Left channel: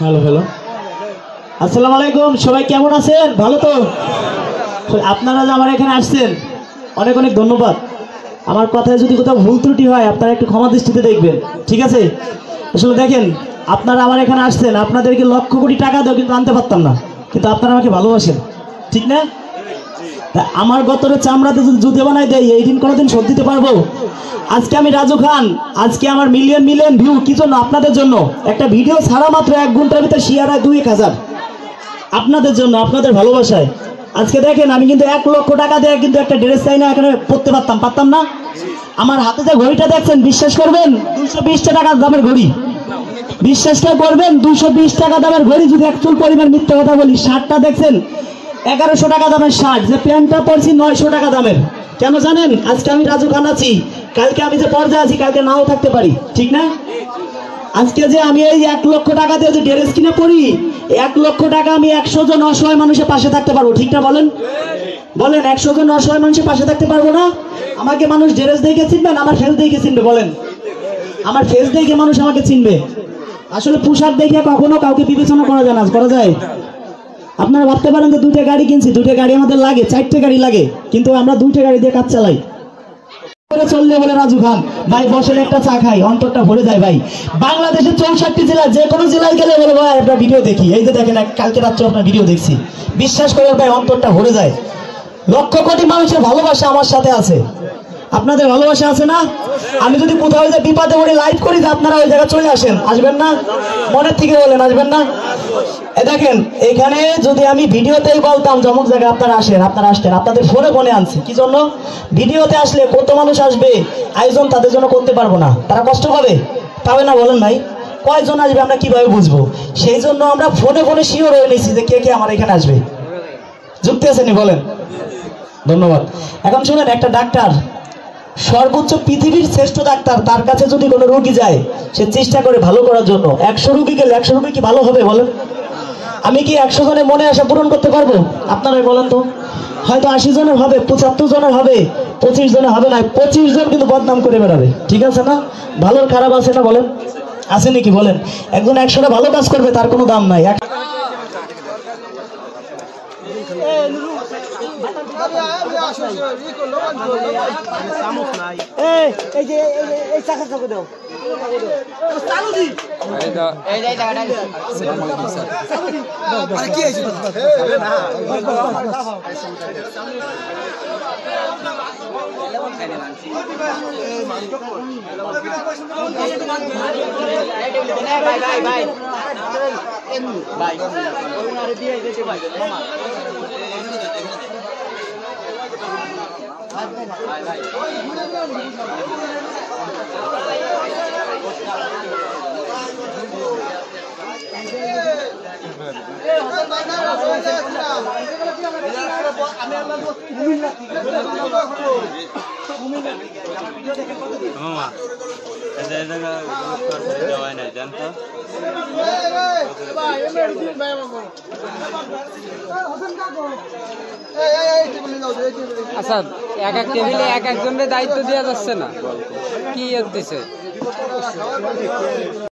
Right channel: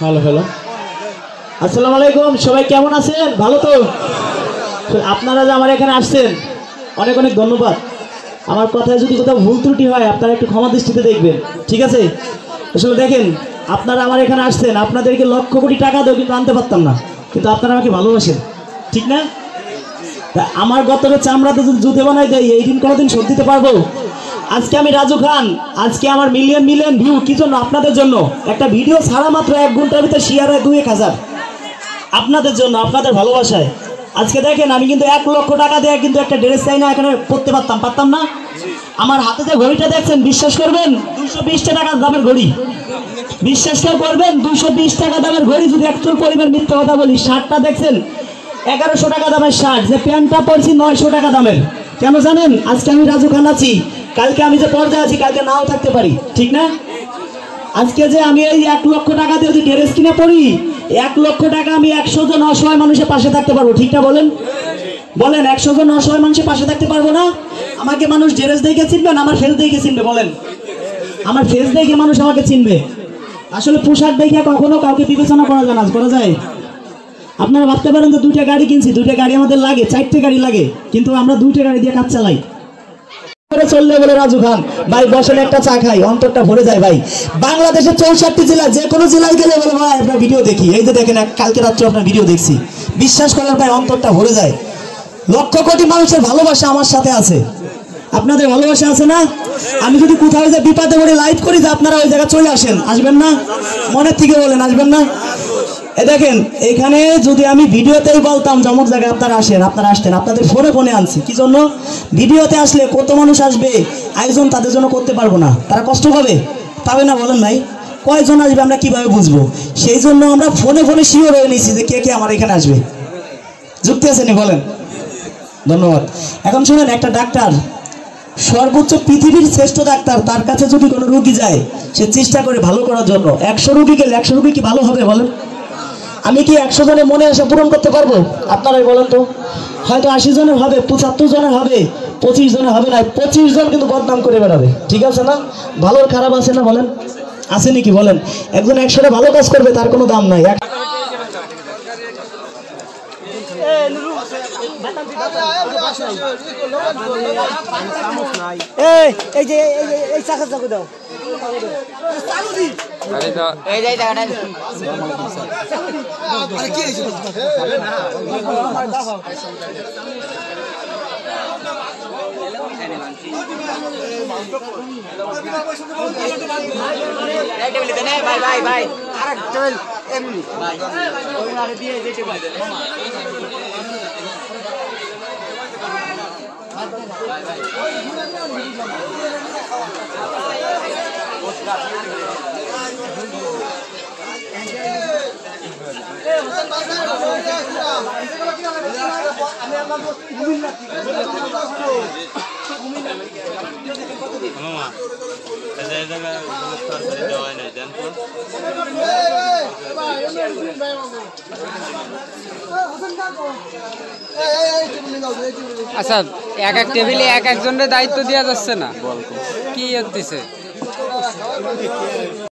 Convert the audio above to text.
Hello hello, আসসালামু আলাইকুম। সবাই কেমন আছেন? ভালো তো? আপনারা যে আমার এখানে আসছেন অনেক অনেক ধন্যবাদ। আমার কথায় যদি কোথাও ভুল ত্রুটি হয় আপনারা একটু ক্ষমা দৃষ্টিতে দেখবেন, ঠিক আছে? আসলে দেখেন, আপনারা আমার এখানে আসছেন, আপনাদেরকে লক্ষ কোটি টাকা দেবো কিন্তু আনতে পারতাম না, কিন্তু আপনারা আমাকে ভালোবাসেন, ঠিক না? আমার গতরে চামড়াতে জুতে বানাই দেয়, এই দিন কোনোদিন শোধ দিতে পারবো? আজকে আমি রাজু খান, আজকে আমার মিলিয়ন মিলিয়ন ভিউ কি জন্য? আপনাদের জন্য। একটা ভিডিও ছাড়া মাত্র 1 ঘন্টার ভিতরে শেয়ার হয় 2-1000, আপনাদের জন্য, আপনাদের ভালোবাসায়। আজকে দেখেন, আমি কিন্তু 1 লক্ষ টাকা দিয়ে কিন্তু একটা ড্রেস চাই না এখানে পড়তে পারতাম না। আমার হাতে যে ঘড়িটা দেখছেন, বিশ্বাস করবেন 220 টাকা দামের ঘড়ি, বিশ্বাসটা করবেন 220 টাকা দামের ঘড়ি। যদি একচুল পরিমাণ মিথ্যা কথা বলি, শার্টটা দেখছেন 1100 টাকা দামের শার্ট, যে প্যান্টটা পরছি 900 টাকা দামের। কেন জানেন? আজকে আমি রাজু খান আছি, কালকে আমি যে পর্যায়ে আছি কালকে নাও থাকতে পারি, ঠিক না? আজকে যে আমি এই 1 লক্ষ টাকা দিয়ে যে ড্রেস কিনে পড়ি, 1 লক্ষ টাকা আমি 100 জন অসহায় মানুষের পাশে থাকতে পারবো, ঠিক না? বলেন বলেন, 100 জন অসহায় মানুষের পাশে থাকতে পারবো না? আমাকে মানুষ ড্রেস দেখে চিনবে না আমার ফেস দেখে চিনবে? বলেন, আমার ফেস দেখে মানুষ আমাকে চিনবে। আসলে পোশাক দেখে কখনো কাউকে বিবেচনা করা যায় না, করা যায়? আপনারা ভাবতে পারেন তো 2টা গাড়ি কিনছি, 2টা গাড়ি আমাদের লাগে, 4টে গাড়ি লাগে, কিন্তু আমরা 2টা গাড়ি দিয়ে কাজ চালাই। চললে বলে রাজু খান ভাই বসেন একটা চা খাই, অন্তরটা ভরে যায় ভাই। বাংলাদেশের 64টি জেলা, যে কোনো জেলায় গেলে বলে ভাই আপনার ভিডিও দেখি, এই যে দেখেন কালকে রাত্রে আপনার ভিডিও দেখছি, বিশ্বাস করেন ভাই অন্তরটা ভরে যায়। লক্ষ কোটি মানুষের ভালোবাসা আমার সাথে আছে, আপনাদের ভালোবাসা আছে না? আমি যদি কোথাও যে বিপদে পড়ে লাইভ করি, যে আপনারা ওই জায়গায় চলে আসেন, আসবেন না? মনের থেকে বলেন, আসবেন না? এই দেখেন, এখানে যদি আমি ভিডিওতেই বলতাম যে অমুক জায়গায় আপনারা আসেন, আপনারা আসতেন, আপনাদের ফোনে আনছি কি জন্য? ভিডিওতে আসলে কত মানুষ আসবে, আয়োজন তাদের জন্য করতে পারবো না, তারা কষ্ট পাবে না? বলেন ভাই, কয়জন আসবে আমরা কিভাবে বুঝবো? সেই জন্য আমরা ফোনে শিওর হয়ে নিচ্ছি যে কে কে আমার এখানে আসবে। যুক্ত আছেন? বলেন, ধন্যবাদ। এখন শুনেন, একটা ডাক্তার, সর্বোচ্চ পৃথিবীর শ্রেষ্ঠ ডাক্তার, তার কাছে যদি কোনো রোগী যায়, সে চেষ্টা করে ভালো করার জন্য। 100 রোগী গেলে 100 রোগী কি ভালো হবে? বলেন, আমি কি 100 জনের মনে আশা পূরণ করতে পারবো? আপনারাই বলেন তো। হয়তো 80 জনের হবে, 75 জনের হবে, 25 জনের হবে না, 25 জন কিন্তু বদনাম করে বেড়াবে, ঠিক আছে না? ভালোর খারাপ আছে না? বলেন, আছে নাকি? বলেন, একজন 100 ভালো কাজ করবে, তার কোনো দাম নাই। আচ্ছা, এক এক টেবিলে এক একজনের দায়িত্ব দেওয়া যাচ্ছে না, কি দিছে?